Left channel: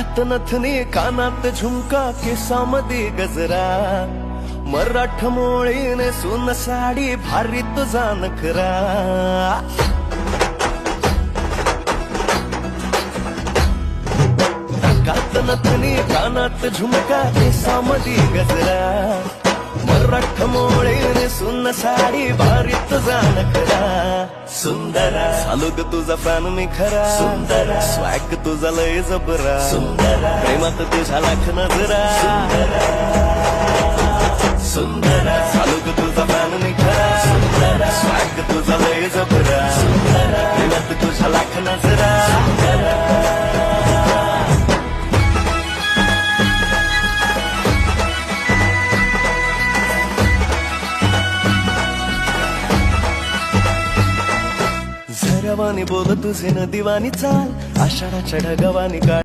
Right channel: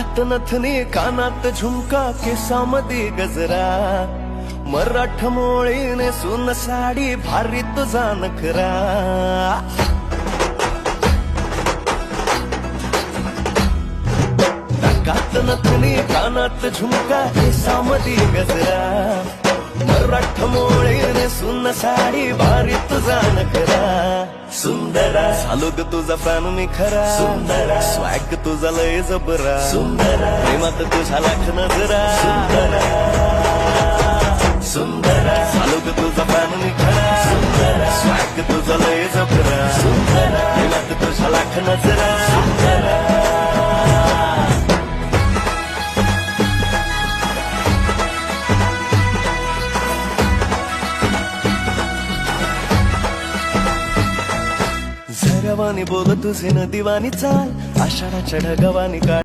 नाकात नथनी कानात झुमका केसामध्ये गजरा मराठमोळी नेसून साडी भारी तुझा नखरा नाकात नथनी कानात झुमका केसामध्ये गजरा मराठमोळी नेसून साडी भारी तुझा नखरा सुंदरा झालो ग तुझा फॅन मी खरा स्वॅग तुझा लय जबरा प्रेमात तुझ्या लाख नजरा झालो ग तुझा फॅन मी खरा स्वॅग तुझा लय जबरा प्रेमात तुझ्या लाख नजरा झरवानी बोल तुझे न दिवानी चाल आषाढाच्या ढगवानी काळ